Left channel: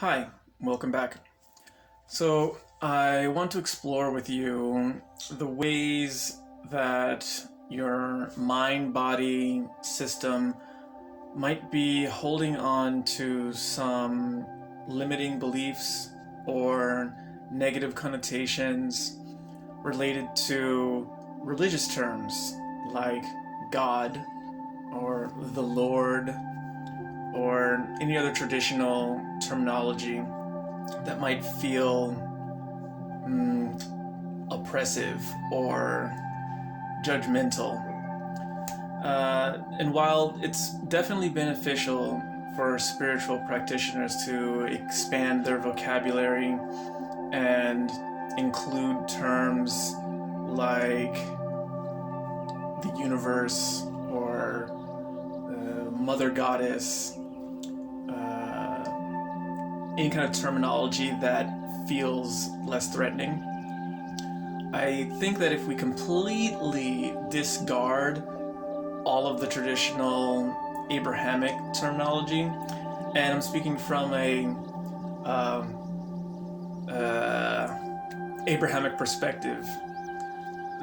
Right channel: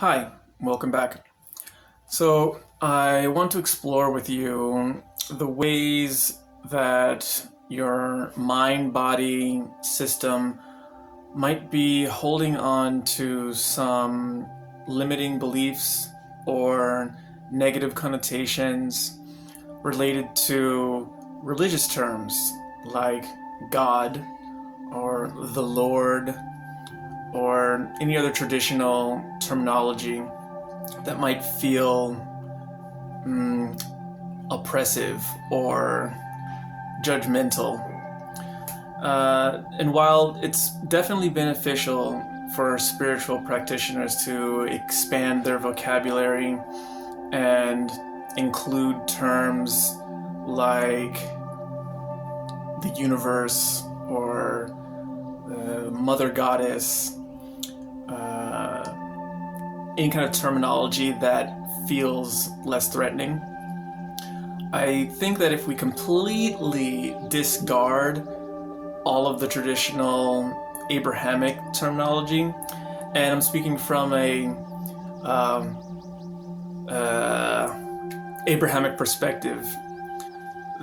Hi, welcome back. So, I want to explore with you the ways that your mind body system might be holding on to some limiting beliefs or negative connotations related to religious terms like God or the Lord or any other traditional terminology that might feel oppressive or judgmental. And while it's definitely beneficial for spiritual practitioners to expand their vocabulary and include terms like the universe or mother goddess, any kind of terminology that feels less threatening. I think that if we completely discard all of the traditional Abrahamic terminology, and I'm speaking from a Abrahamic perspective,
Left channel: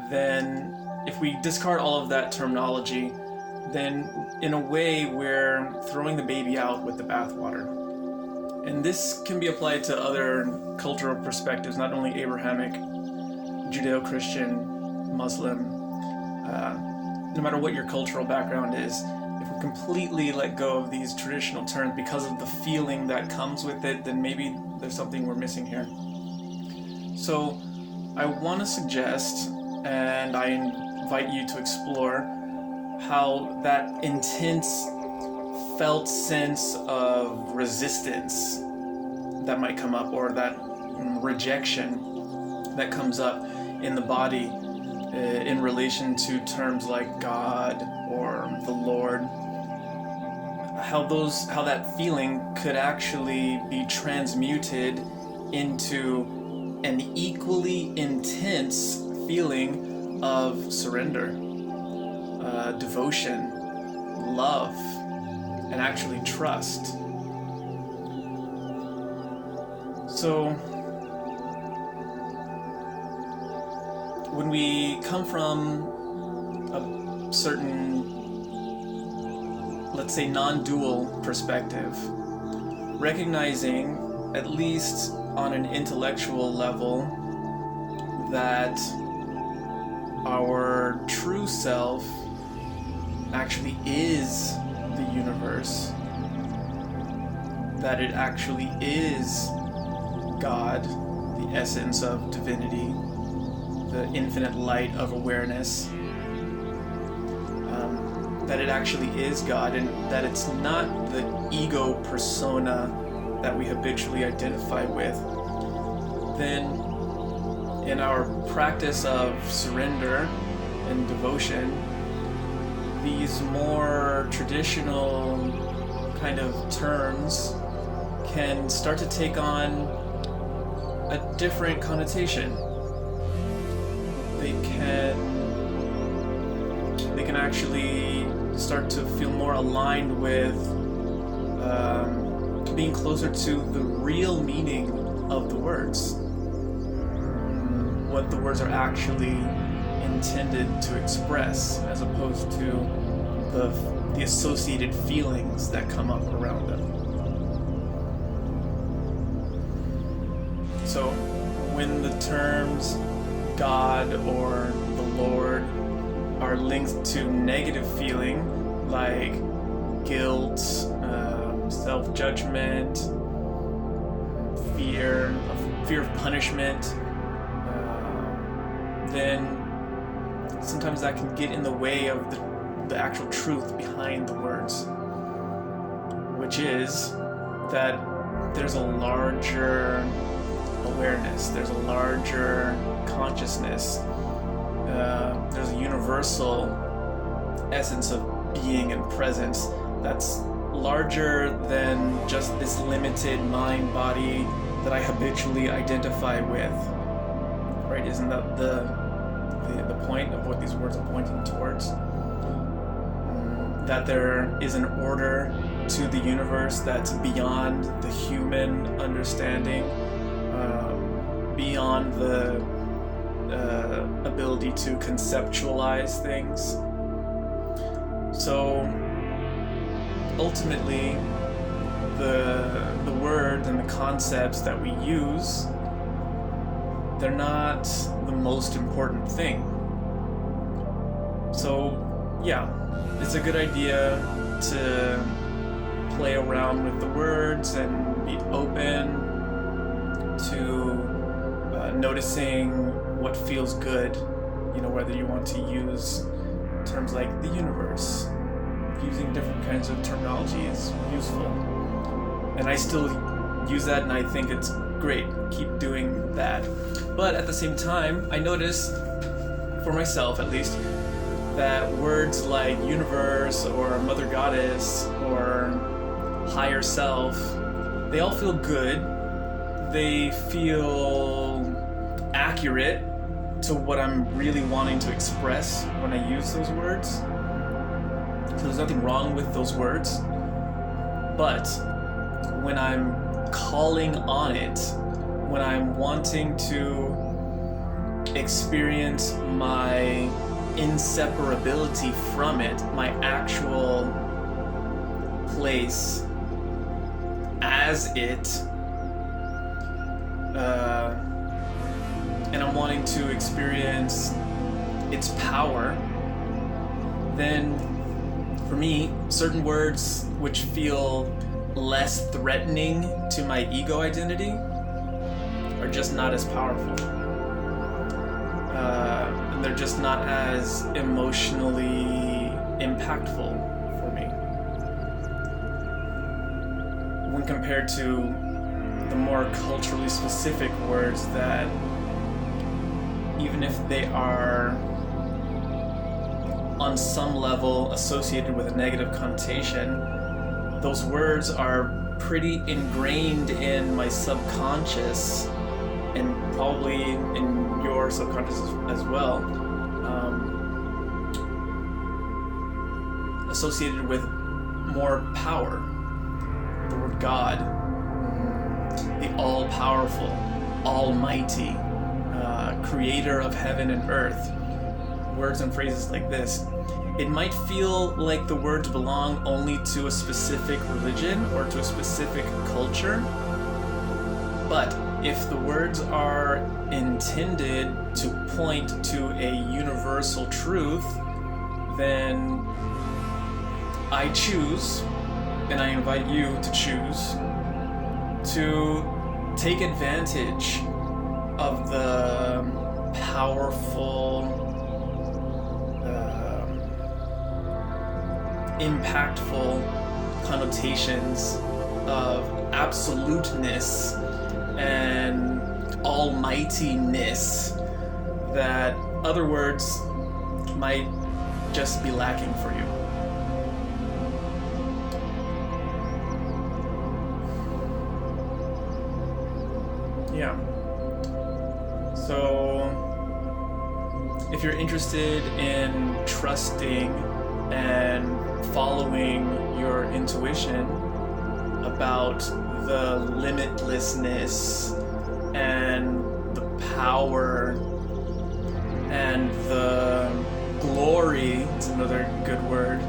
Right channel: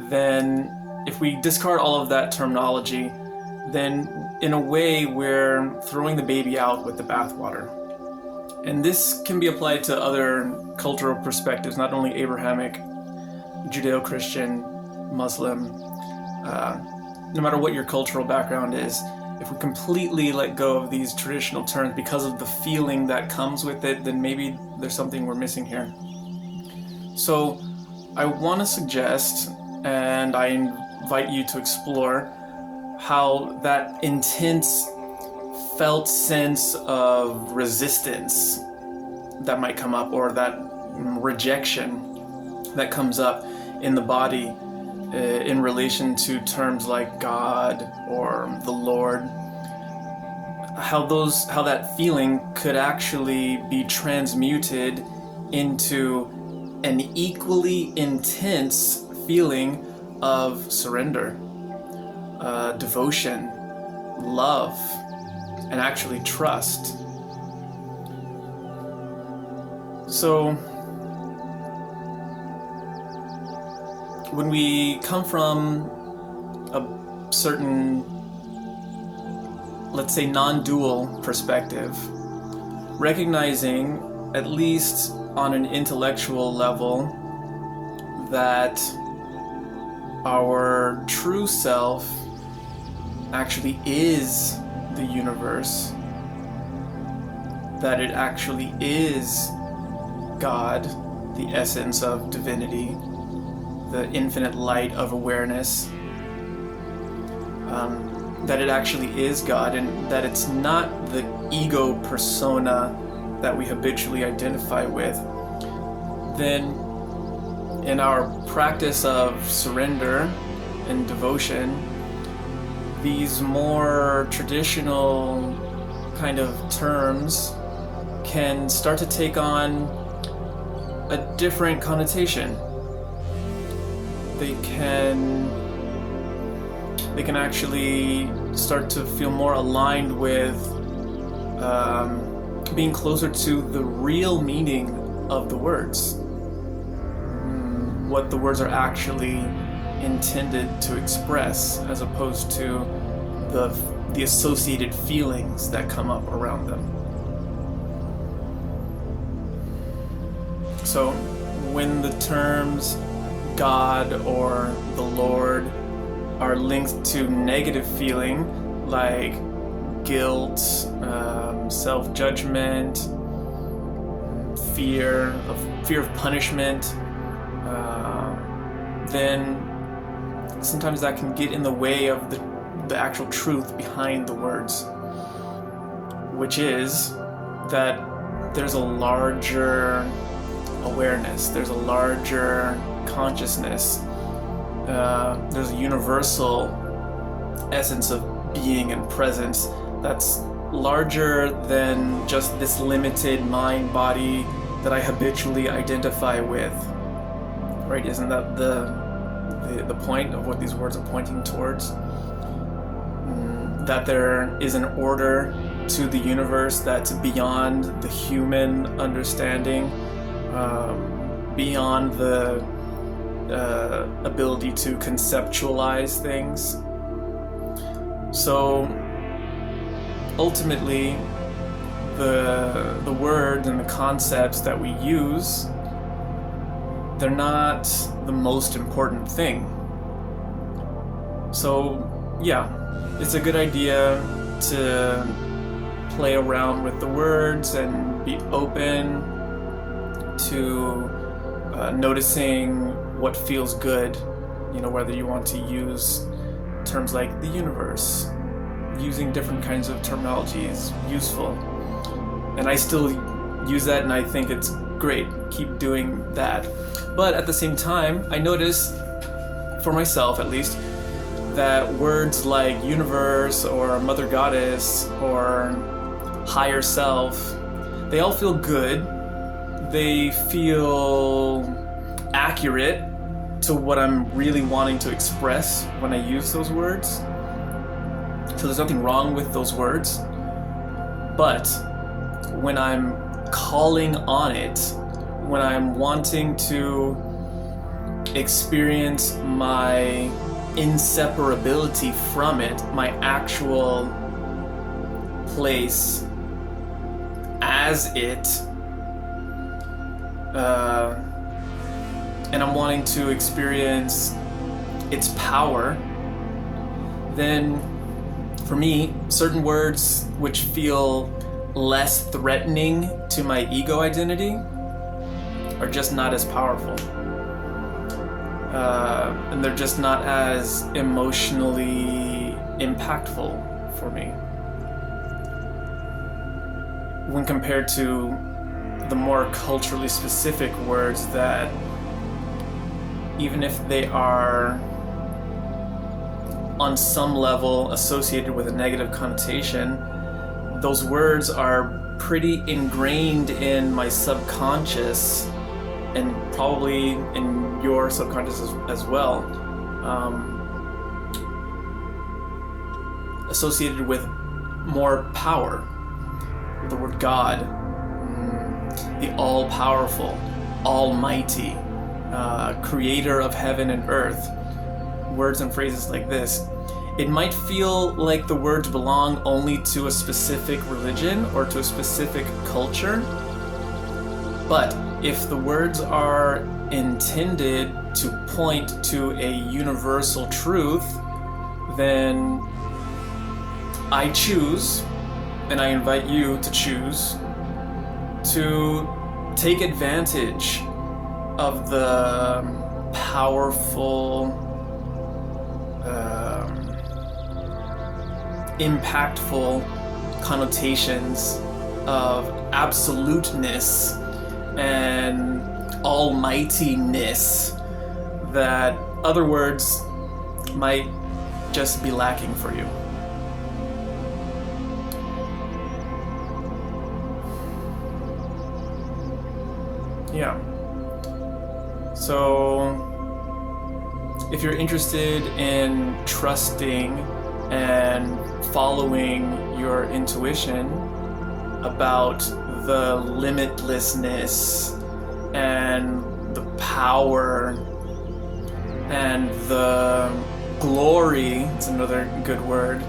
then if we discard all of that terminology, then in a way we're throwing the baby out with the bathwater. And this can be applied to other cultural perspectives, not only Abrahamic, Judeo-Christian, Muslim. No matter what your cultural background is, if we completely let go of these traditional terms because of the feeling that comes with it, then maybe there's something we're missing here. So I want to suggest, and I invite you to explore, how that intense felt sense of resistance that might come up, or that rejection that comes up in the body in relation to terms like God or the Lord, how that feeling could actually be transmuted into an equally intense feeling of surrender, devotion, love, and actually trust. So, when we come from a certain, let's say, non-dual perspective, recognizing, at least on an intellectual level, that our true self actually is the universe, that it actually is God, the essence of divinity, the infinite light of awareness, that it actually is God, and that it's not the ego persona that we habitually identify with, then in our practice of surrender and devotion, these more traditional kind of terms can start to take on a different connotation. They can actually start to feel more aligned with being closer to the real meaning of the words, what the words are actually intended to express, as opposed to the associated feelings that come up around them. So when the terms God or the Lord are linked to negative feeling like guilt, self-judgment, fear of punishment, then sometimes that can get in the way of the actual truth behind the words, which is that there's a larger awareness, there's a larger consciousness, there's a universal essence of being and presence that's larger than just this limited mind body that I habitually identify with. Right? Isn't that the point of what these words are pointing towards? That there is an order to the universe that's beyond the human beyond the ability to conceptualize things. So ultimately, the words and the concepts that we use, they're not the most important thing. So yeah, it's a good idea to play around with the words and be open to noticing what feels good, whether you want to use terms like the universe. Using different kinds of terminology is useful, and I still use that, and I think it's great. Keep doing that. But at the same time, I notice, for myself at least, that words like universe or mother goddess or higher self, they all feel good. They feel accurate to what I'm really wanting to express when I use those words. So there's nothing wrong with those words. But when I'm calling on it, when I'm wanting to experience my inseparability from it, my actual place as it, and I'm wanting to experience its power, then for me, certain words which feel less threatening to my ego identity are just not as powerful. And they're just not as emotionally impactful for me when compared to the more culturally specific words that, even if they are on some level associated with a negative connotation, those words are pretty ingrained in my subconscious, and probably in your subconscious as well, associated with more power. The word God, the all-powerful, almighty, creator of heaven and earth. Words and phrases like this. It might feel like the words belong only to a specific religion or to a specific culture, but if the words are intended to point to a universal truth, then I choose, and I invite you to choose, to take advantage of the powerful, impactful connotations of absoluteness and almightiness that other words might just be lacking for you. Yeah. So, if you're interested in trusting and following your intuition about the limitlessness and the power and the glory, it's another good word,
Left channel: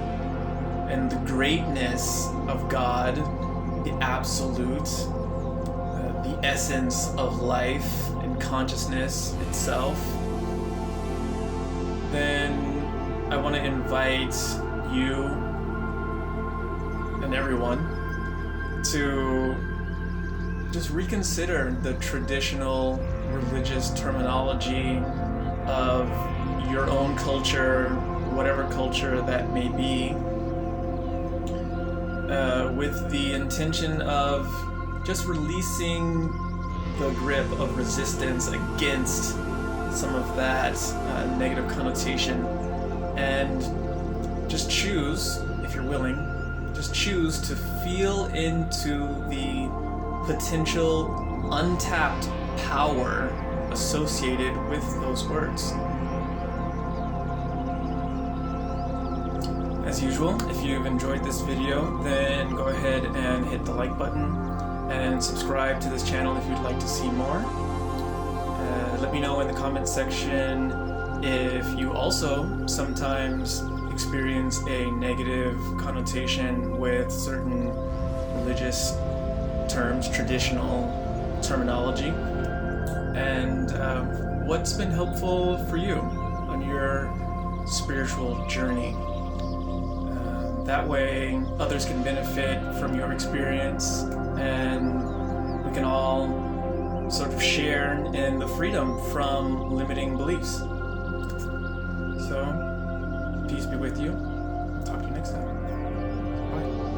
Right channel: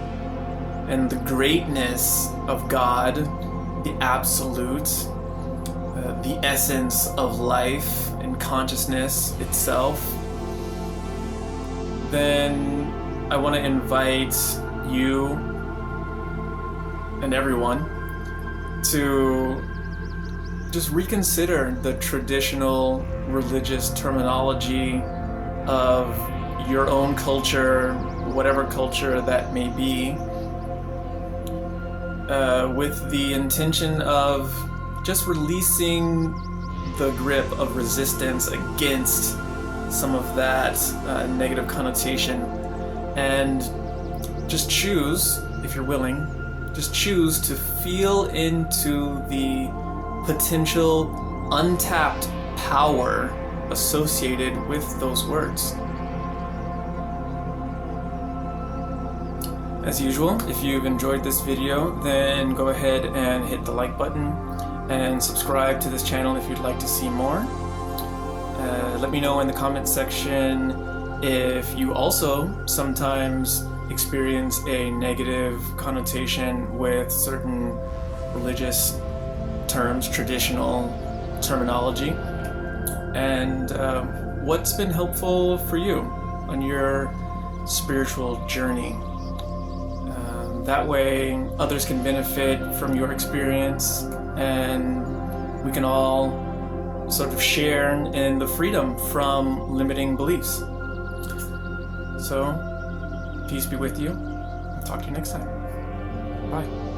and the greatness of God, the absolute, the essence of life and consciousness itself, then I want to invite you and everyone to just reconsider the traditional religious terminology of your own culture, whatever culture that may be, with the intention of just releasing the grip of resistance against some of that negative connotation, and just choose, if you're willing, just choose to feel into the potential untapped power associated with those words. As usual, if you've enjoyed this video, then go ahead and hit the like button and subscribe to this channel if you'd like to see more. let me know in the comment section if you also sometimes experience a negative connotation with certain religious terms, traditional terminology, and what's been helpful for you on your spiritual journey. That way, others can benefit from your experience, and we can all sort of share in the freedom from limiting beliefs. So, peace be with you. Talk to you next time. Bye.